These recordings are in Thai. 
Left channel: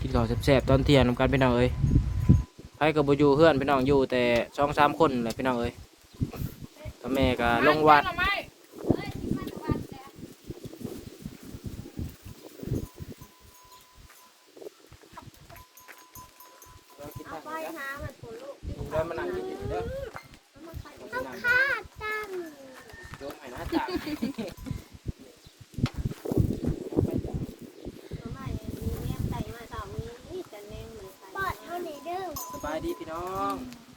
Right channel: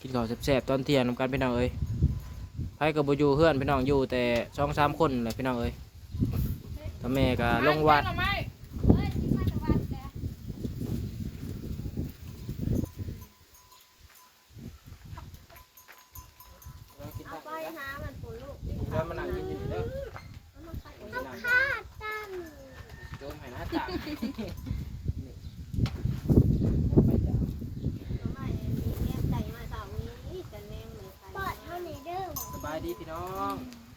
กินข้าวแซ่บๆตอนเที่ยงนำกันพี่น้องเอ้ยไผก็บ่อยู่เฮือนพี่น้องอยู่แต่สองสามคนแหละพี่น้องเอ้ยพ่อแม่ก็ลงวัดไม่เอาไปหามันปุ่นลูก แล้วมันนั่งอยู่เด้อ เอามาใส่ต้องฆ่าตั้ง โยมให้หน้าจ้า หน่อไม้อันนี้แม่ใส่มาสองนี้แต่แมงมันใส่ปอดเท่านี้เด้อ สบายดีพี่น้อง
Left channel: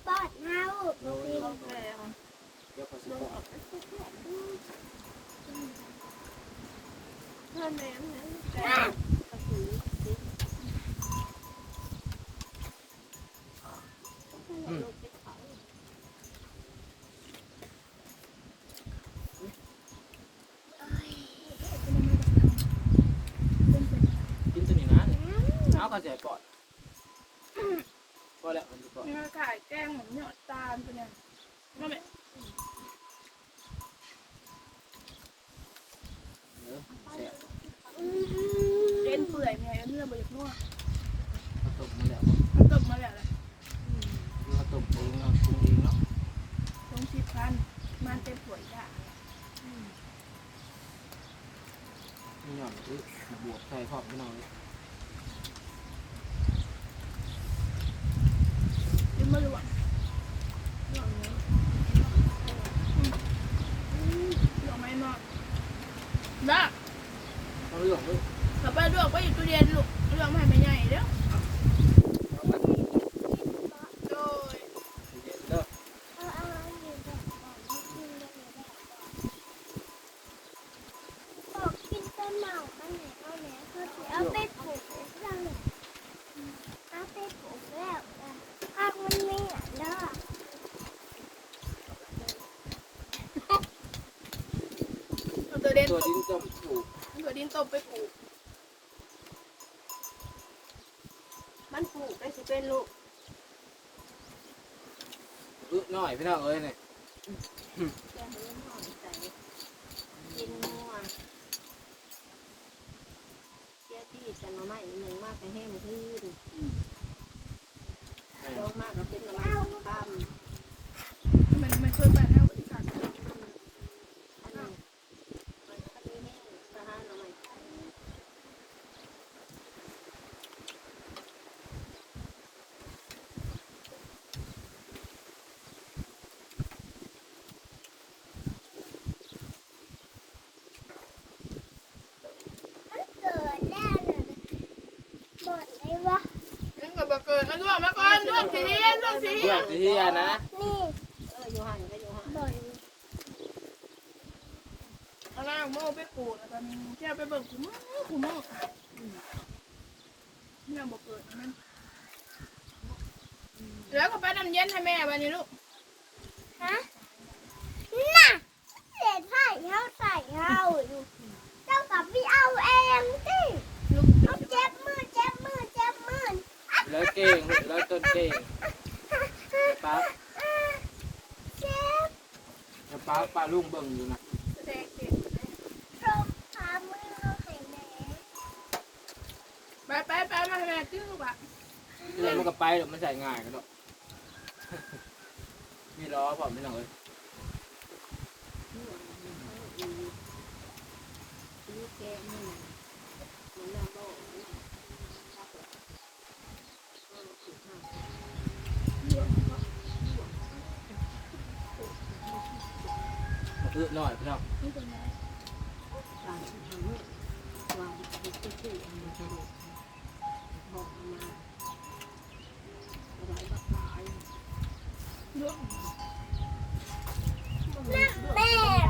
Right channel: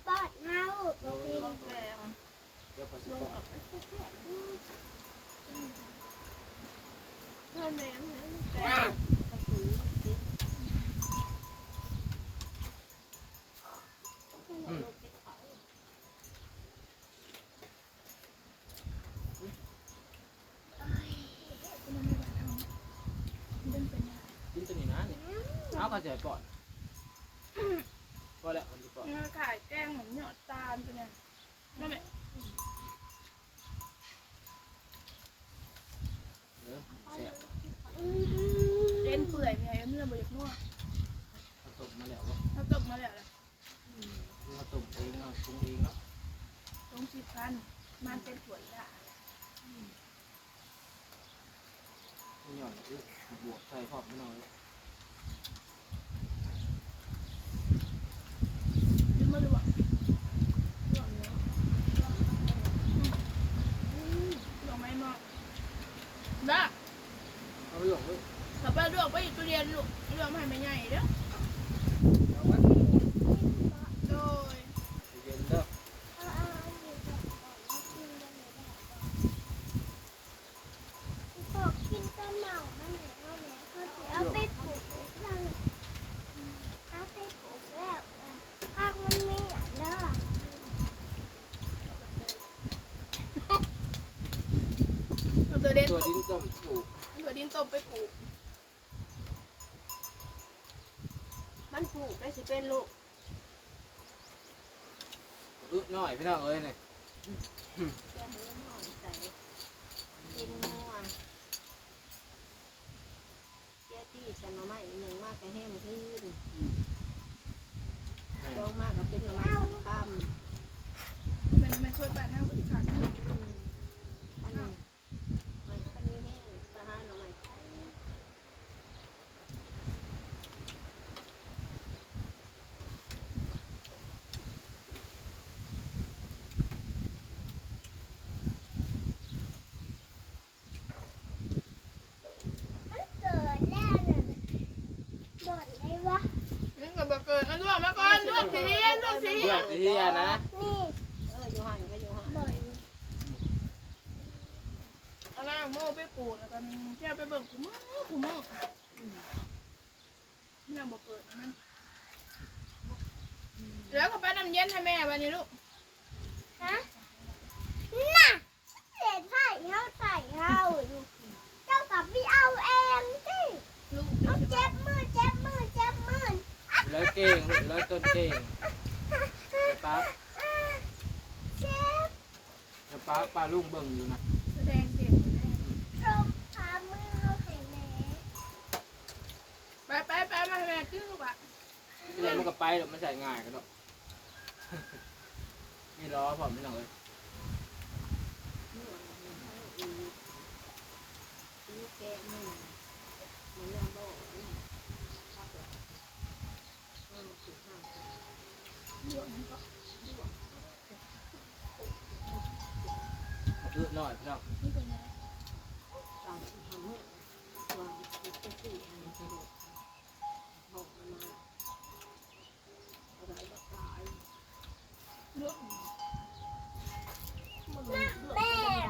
ปอดเน่าปกติ เดี๋ยวขอสิบอก เพื่อนแม่กระสือ กินตัวนี้นะ เอาก็เสียก่อนก็แล้วมันจะก่อนนี่ขายแกงเหมือนหยอดตาลตัวเนี้ยนั่นแหละเนื้อแซ่บเอ็นเปื่อยมีอะไรเนื้อบดนัวข้าวต้มมาแล้วบ่มันตบมาแล้วแหละข้าวต้มเองเนาะปรุงเองเนาะลงชิบพันมันเต็มถ้วยจ้ะนี่หย่อนคือบวกใส่พร้อมพี่น้องเลย ยืมมาลวกลวกไหมมอกนะ เอาเรื่องเลย ถ้าไปลวกไปอยู่ตู้เย็นลูกลวกมาให้ไม่ใหญ่เด้อ เอามา โดย เย็นเด้อ กินต้นหมากไปไหนไปไหนเอาไปปลูกแล้วเอาไปปลูกแล้วผักมันไม่เด้อ เอา ตัวเด่นตัวตบดิ้นต้มถูกตัวดินตบไปปลูก มันปลูกได้สิเป็นลูกอึหน่อยพี่น้องเอ้ยเนี่ยแกงเลี้ยงหน่อยใส่กินนัวเจ้าที่จะมาไม่หนึ่งมากแต่แห้งพื้นโดนมากก็เป็นประมาณตั้มมันมันช่วยแปดห้าวิธีกาอันนี้อันนี้แห้งสะฮานหน่อย นี่ กิดมันลวกมาก่อนลวกสีลวกสีเพื่อนเฮียนะนี่เอออยู่หันก็อยู่หันอาล่างโม่ไปปลูกแล้วตอนเที่ยวไปเบิ่งขุมขุมนี่เราบอกเกิดมันแล้วก็ไปน้ำเย็นให้แม่ไปนี่ลูกฮะน่ะเศษไผ่เขาใส่เราอยู่เจ้ากับพี่เอาเองสิลูกเจ็บมือเจ็บ แล้วเก่งแล้วต้นเก่งแล้วป้าเจ็บแล้วป้าป้าลุงเบิ่งอยู่นะแสดงเด็กตรงขามือเราใส่แหม่ไปไปไปมาแม่จื้อลูกอะเดี๋ยวมันก็ไปเดี๋ยวมันใส่ง่ายกันเนาะนี่ล้อพร้อมพี่น้องเอ้ยนี่เจ็บมือมั อะไรบ้าตายลูกแม่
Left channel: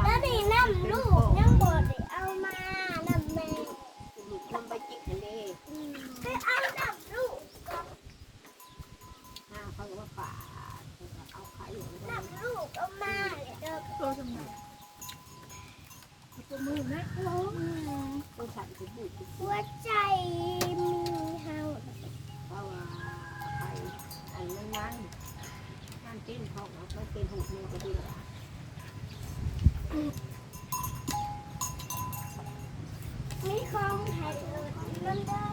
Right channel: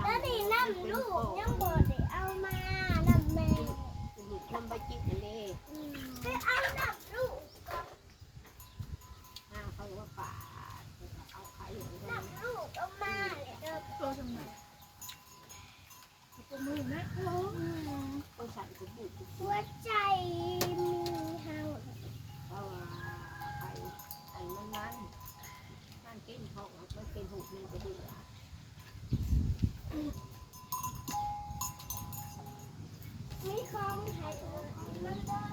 แล้วนี่น้ำลูกยังบ่ได้เอามาน้ำแม่ลูกมันไปจิกเลยไปเอาน้ำลูกน้าเขาว่าป่าเอาไข่อย่างนี้น้ำลูกเอามาตัวทำไงตัว มือนะฮัลโหลต้องใส่ถุงบุกหัวใจมีเฮาเพราะว่าไข่อันมันมันน้ำจิ้มเขาไม่เป็นหูมันก็ดีอะนี่ของไทยผัก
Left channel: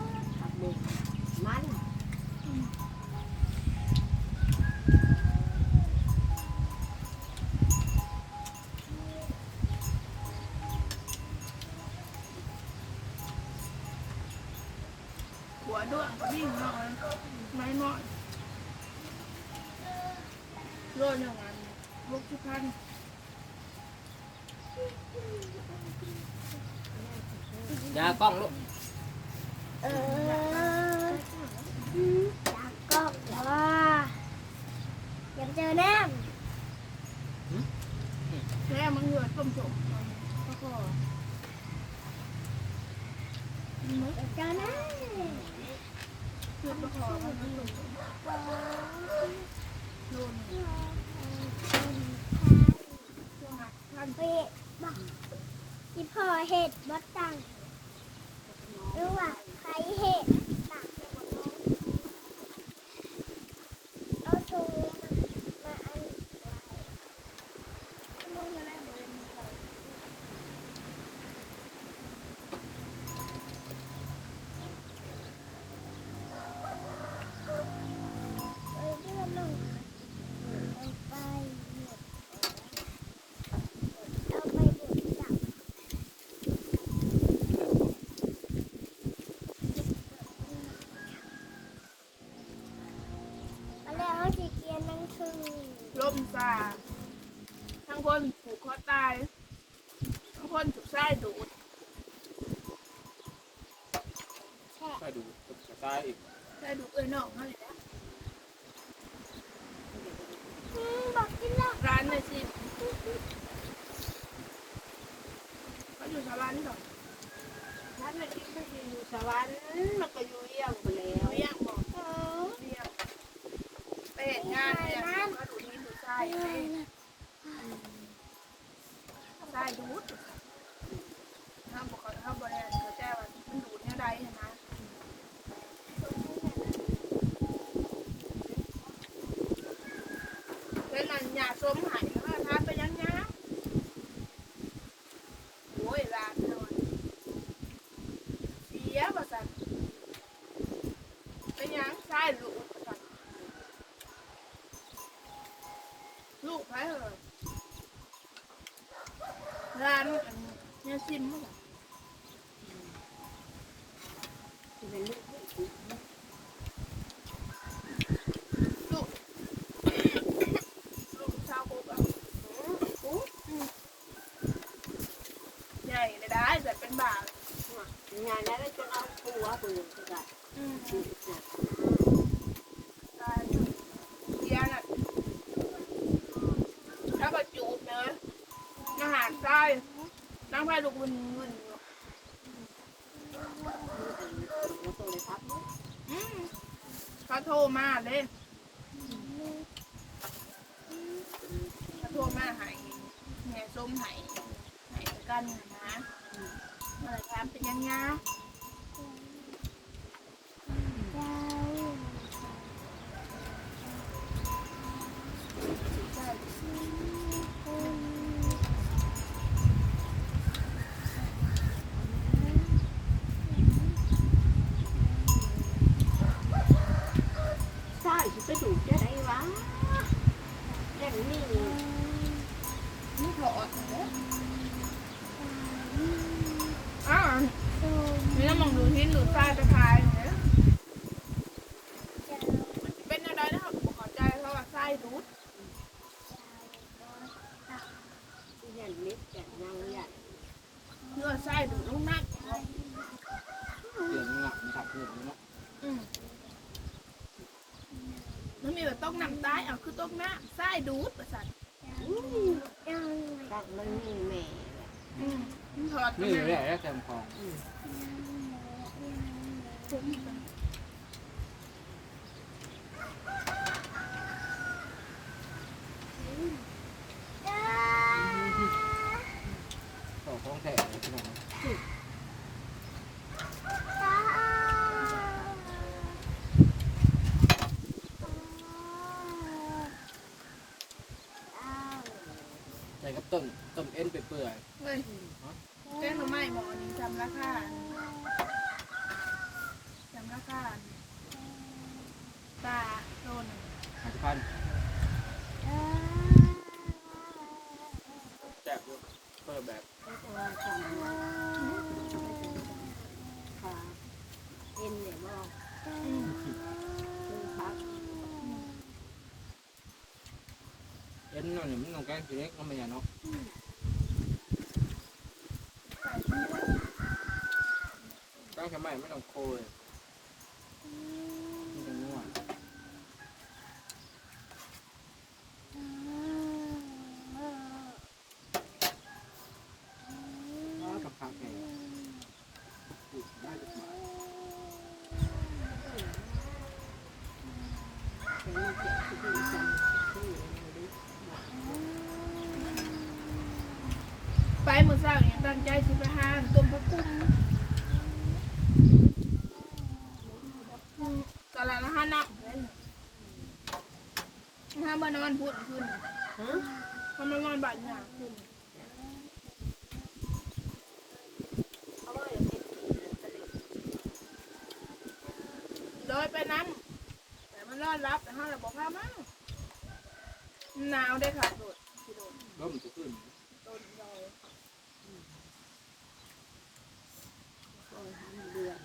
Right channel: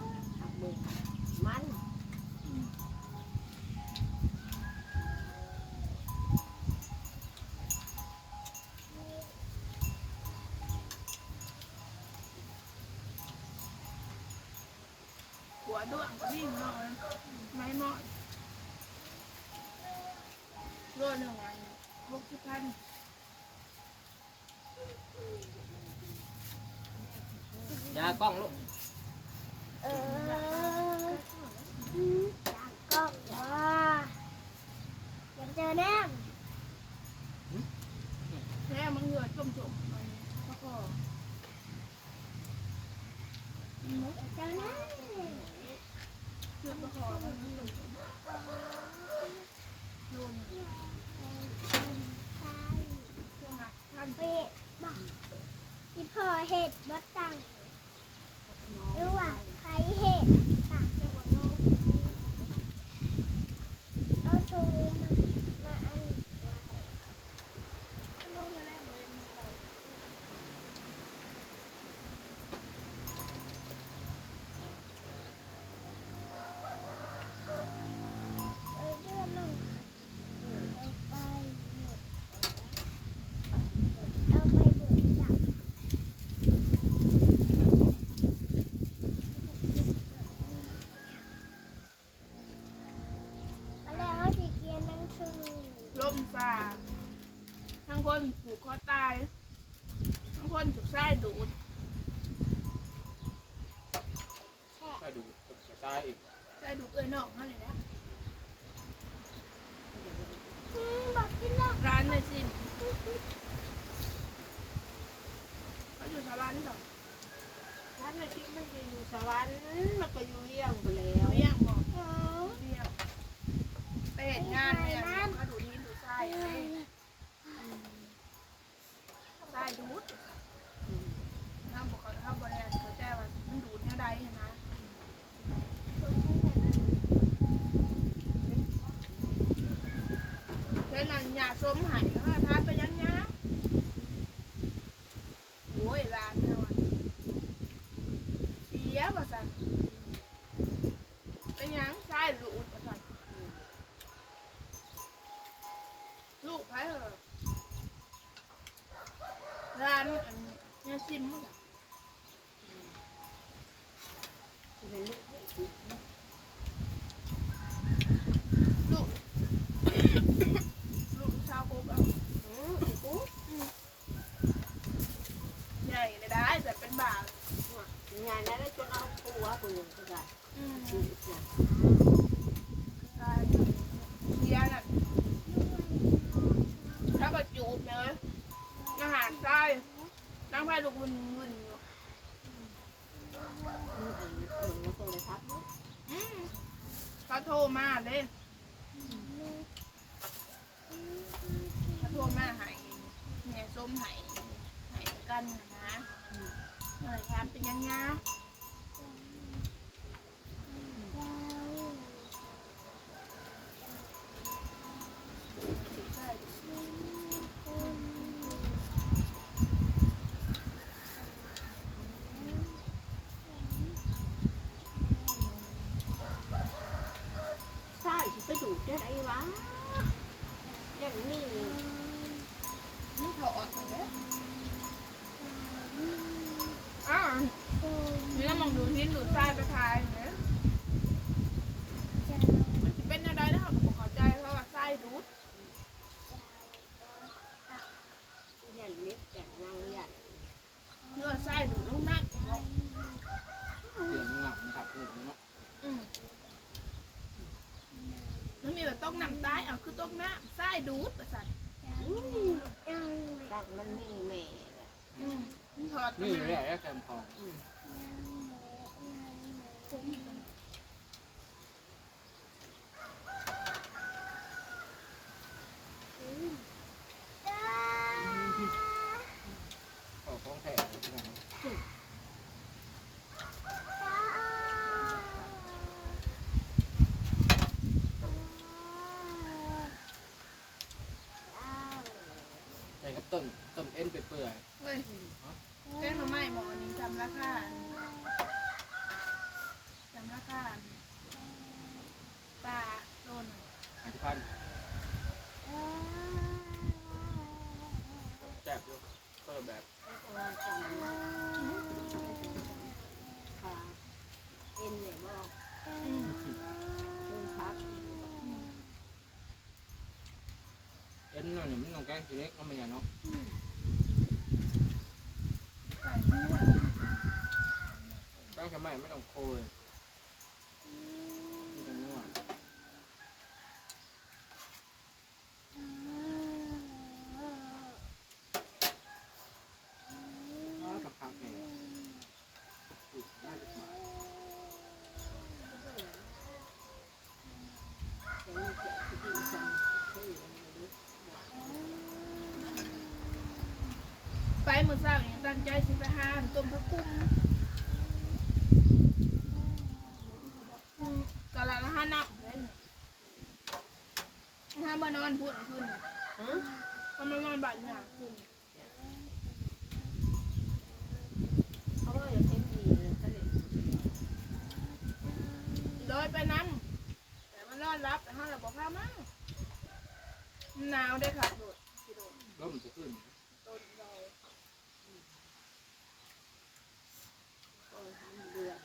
วิ่งนอกเลยไม้นอนโลหนึ่งวันหกสิบพันยากล้องลูก เออจากก็ว่าอยากเจอแน่ แค่มันเหงื่อต้มจมแล้วก็มึก เจอแน่ เกือบประคอมันมันต้มจมโลหนึ่งช่วงหักท่าน เห็ดบอกที่พ่อเห็ดบัดตังรู้ว่าใครเห็ดตักเอาถุงมาอัน ลงมาแล้วเลย เอาเรื่องหนึ่งไปเอาไปเด็ดจับแล้วจีเกียนนั่งคือ ล่มซาทั้ง คนผูกคอตายทั้งคนถูกไส้ดูดไปดูซ้ายอีกไส้ดูดเอ้ยนอกเขาเลยนะบอกกินแล้วร้านเนี่ยสิเขาอยู่สวรรค์ก่อนนั่นแหละที่มันอยู่สวรรค์มันก็อยู่เลี้ยงไปแล้วเขาย่างบอกโอ้เรียกไปเห็นงานเนี่ยเขาดูดนี่ดูดไส้ไอ้ไส้ดูดห้ามบอกเขาห้ามบริเวณเขาแจ้ว่ามันดูดเนี่ยใดนะเป็นอันยาส้มหายแล้วก็ทานไปยังยังโอ้ยร้านเนี่ยว่ะเสียประสันเป็นยังไส้ดูดประสันลูกไปเหรอร้านอันเนี่ยซิมมั้งล่ะ ลูก ลูกชาวกุ๊กอะใหญ่เลยได้แต่เป็นบ่าว งานแล้วจนเอาตัวตัวก็ได้ อืม ชีวิตนะ ใช่เสียน่ะถ้าก็จูดเนอะอาหารใต้นั่งไพ่ ลูกวุ่นวุ่นอยู่มันคนละตัวเลยครับอืมเขาโทรมาเลยเขาโทรมาใหายแม่ส้มใหายหายกันนะเมื่อไหรถามเป็นยังไง ช่ฉันไปดูจะได้วะอย่างนี้นี่ถอดเลยอ้าวนี่ต้องมองดูทิ้นดูใต้ไปทายเนี่ยมันจะเป็นอะไรนะครับขอใจเพราะว่าไส้ดูดย่างนี้แต่งาใหญ่เนื้อไส้ดูดลูกนักเดี๋ยวหลังมันตัดหัวเนาะ อืมแล้วมีแบบต้องนำใต้เอาคือต้องหน้าไส้ดูดประสาทต้องมันมีแม่อืมถอดนี่มา แหละแคมทองต่อของแท้เลยพี่น้อง ใส่กับต้มต้มเอ็นเปื่อย เฮ้ยแกงหน่อไม้หมอนี่จำราคา พันแซ่บอยู่เพิ่มแบบ แล้วก็ จำค่ะเอ็นเนี่ยบอกเป็นพักเอ็นนั่นนี่มันต้องแกงขี้เล็กก็ไม่ยาเนาะใส่ที่ว่าแกงทำไมไม่ต้องโคยมันต้องนัวอ๋อผักผักเนี่ยอุ๊ยน่าจะมา เป็นเจ้าที่ดีจังที่อะไรดิ ไปมือสร้างอย่างตั้งใจสิไปหาต้มผักกุ้งอืมตอนละละห้านับห้ามานอนพูดขึ้นทำมานอนบ่ายหนาขึ้นเขาว่าอย่างนี้เลยก็เลยโดยไปนั้นแต่มันนอนรับแต่ห้าเราบอกพามาหนาวได้ค่ะโดดโดดแล้วมันจะขึ้นลอย ก็ทำเดือน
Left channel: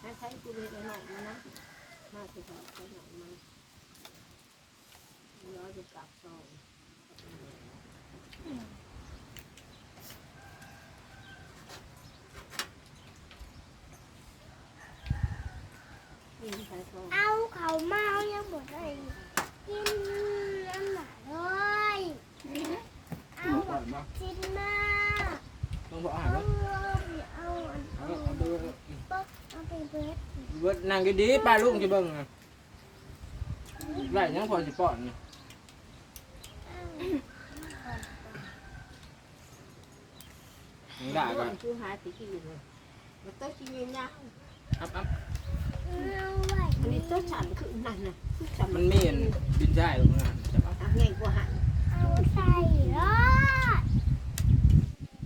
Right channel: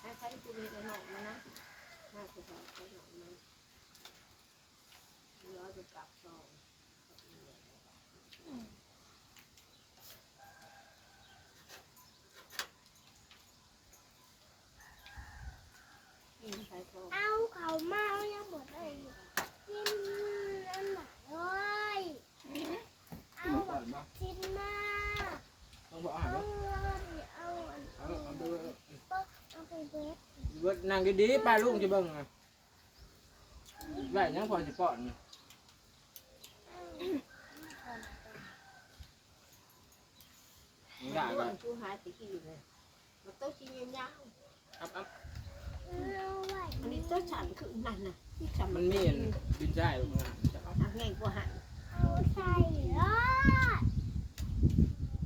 ให้ใช้กูเลยหนอยมานะมาจะใส่ใช้หนอยมาเราจะกลับซอง ใส่ซอง เอาเขามาเอายังหมดเลยกินอันไหนเลยเอา ก่อนมา กินมา ต้องบอกอาหา เอา รไหม เอาอัน เอา เอา เอาดู ปึ๊กเอาไปเบิด เบิด นางดีๆป้าลุงจะเบิ่งนะไรยังพอสิป้อนนี่ยังได้ด้วก็ยคือหาติกินเลยมันต้องกินยาวอัพอัพเอาไว้อันนี้ต้องฉันคือนั่นนะฉันมันมีอันบินได้หรอกนะจะเอาหักไงกว่าหันเอาใส่รอด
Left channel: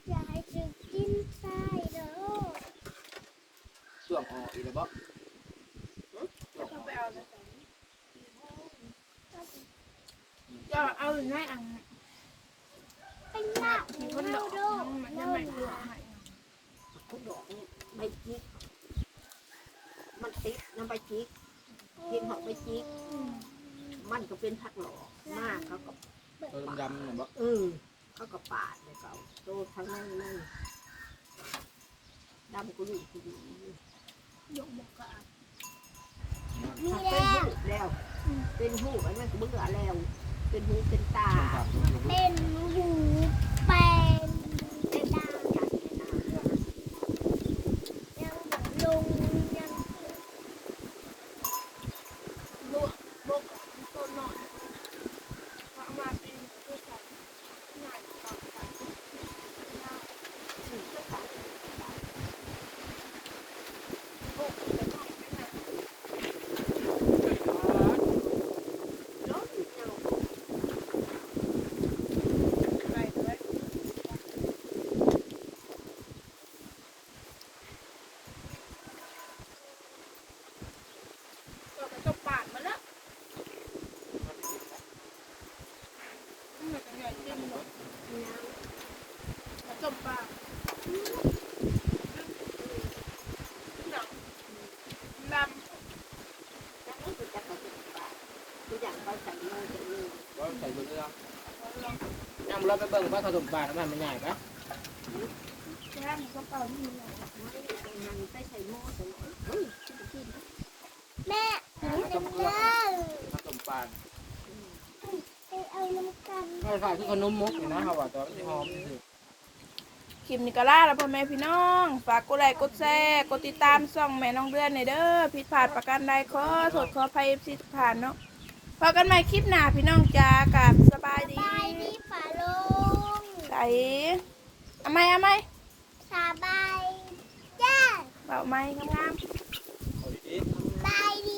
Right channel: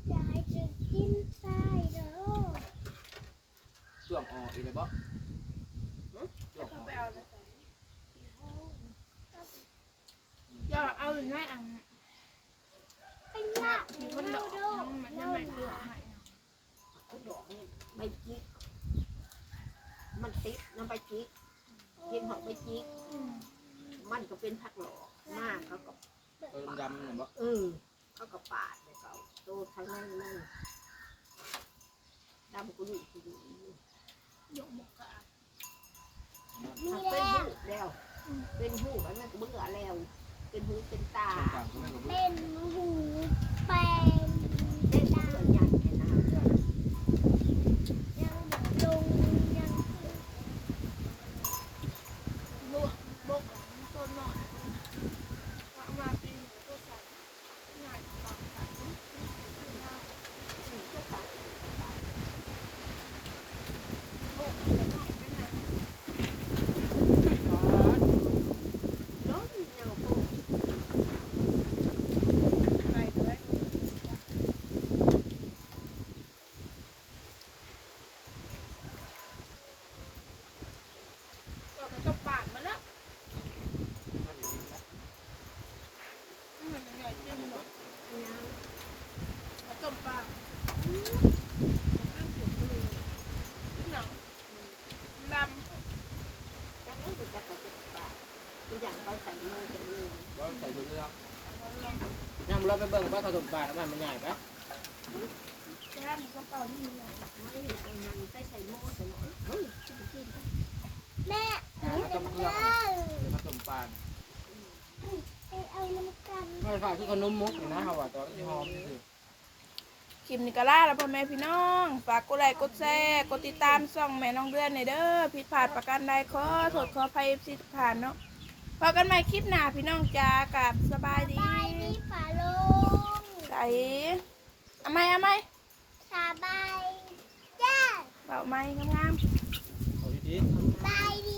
อยากให้จะกินใส่เด้อส่วงออกอีกแล้วบ่ จะเอาหรือไม่อันเป็นหน้ามีคนดอกมันจะไม่เลือกให้เขาดอกใบจิก มันติดน้ำใบจิกกินหอกใบจิก มันก็เป็นผักหลอกมากเขาก็เออดำๆน่ะบ่เออเขาก็ปาดเลยเขาโตทั้งนั้นนั่นดำกุหลีกุหลียกหมกกะนี่ถ้าแหเป็นละหูแล้ว เป็นหูอันนั้นก็เบื่อแล้ว เป็นหูเป็นตาส่วนผักตรงนั้นก็บ่เป็นหูเป็น เป็นเบื่อใหญ่นะ ยังลงยัง ลวกบกกับต้นหน่อยว่ามาปีนตัวใส่ง่ายต่อใส่ง่ายบกจะหน่อยไม่นาน รถเงา ไปเลยก็มันก็ปาดมาแล้วมันเป็นไงจิ้มหรอมันต้มปลาหนังลำ จังไม่เป็นจักรพรรดิป่าตัวอย่างเขาใส่โม่ใส่เนื้อ บ่ใส่เบิ่งเรื่องยัง ไปเบิ่งว่าขาสมบาทมันมันง่ายปะแค่มีกระเป๋าที่มีอะไรไม่ได้ตรงนั้นใส่ใส่โม่ใส่หน่อเฮ้ยชิบขึ้นแม่อ่ามันต้มเกลือมันต้มปลาไปเอาน้ำกันไม่ฝายที่ขนมมุกนะเขาว่าตัวหอมคลิปนี้ก็ล่าแล้วพ่อแม่พี่น้อง ฝากกดไลค์กดแชร์กดติดตามช่องแม่น้องเดือนในเด้อผิดพลาดประการใดขอโทษขอภัยเอฟซีทุกท่านเนาะพบกันใหม่คลิปหน้าพี่น้องจ้ากับสบายดี ไปที่ฝาโลง ใส่เอาไหมเอาไหมสบายจ้าเบาไหมงามๆ เอาดีบายดี